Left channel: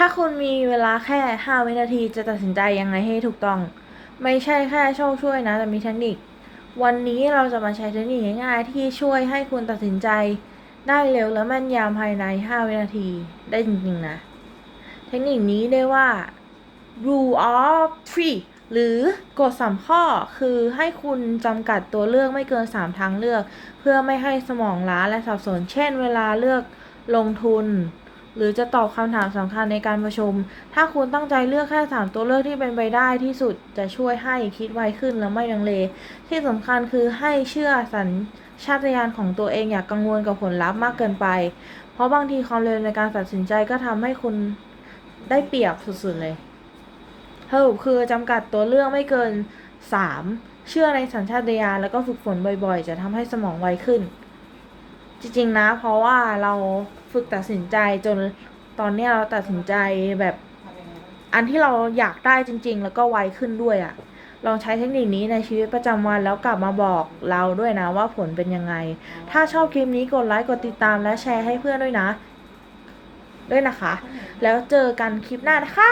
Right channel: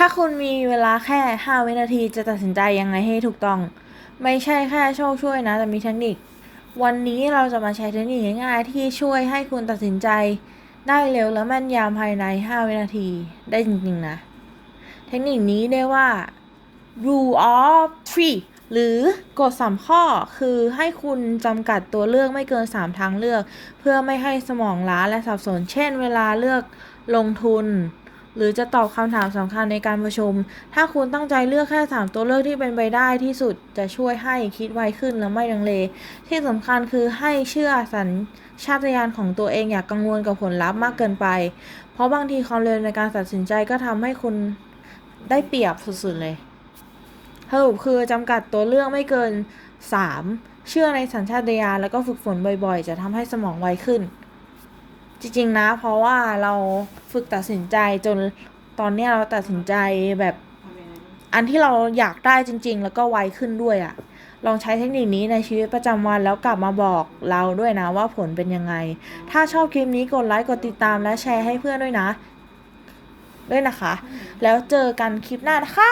ถ้าคุณมีเวลาแค่ 5 วินาทีจะตัดสินใจยังไงให้ถูกต้อง ไม่ใช่แค่โชคช่วยนะ แต่มีเทคนิค วันนี้เราจะมาใช้เทคนิคง่ายๆ ที่ช่วยให้คุณตัดสินใจ ได้เร็วและแม่นยำภายใน 5 วินาทีได้จริงๆนะ เทคนิคนี้เรียกว่า rule of three หรือกฎสามข้อคือให้คุณจำกัดตัวเลือกไม่เกิน 3 ทางเลือก เพื่อไม่ให้สมองล้าและสับสน เช่น เวลาเลือกลงทุน หรือจะตอบคำถามสำคัญในการประชุม ถ้าคุณตั้งใจเลือกแค่ 3 ตัวเลือกที่เป็นไปได้ที่สุดจะช่วยให้คิดไวขึ้นและไม่ลังเล ที่สำคัญคือให้เชื่อสัญชาตญาณของตัวเองอย่ากกังวลกับผลลัพธ์มากเกินไป เพราะบางทีความเร็วในการตัดสินใจก็ทำให้คุณได้เปรียบสุดๆเลยสรุปคือจำกัดตัวเลือกไม่เกิน 3 เชื่อในสัญชาตญาณแล้วก็ฝึกฝนบ่อยๆ จะทำให้สมองไวขึ้น จริง ๆ นะ เพราะว่าเราฝึกตัดสินใจจนตอนเนี้ยเราตัดสินใจแบบ อันที่เราอยากได้จริง ๆ แล้วก็ไวขึ้นด้วยอะ่ะ ลองใช้เทคนิคนี้ในชีวิตประจำวันแล้วกลับมาบอกเราด้วยนะว่าผลเป็นยังไง ถ้าชอบคลิปนี้กดไลค์กดติดตามและแชร์ให้เพื่อนด้วยนะ ด้วยนะคะ แล้วเจอกันคลิปหน้านะคะ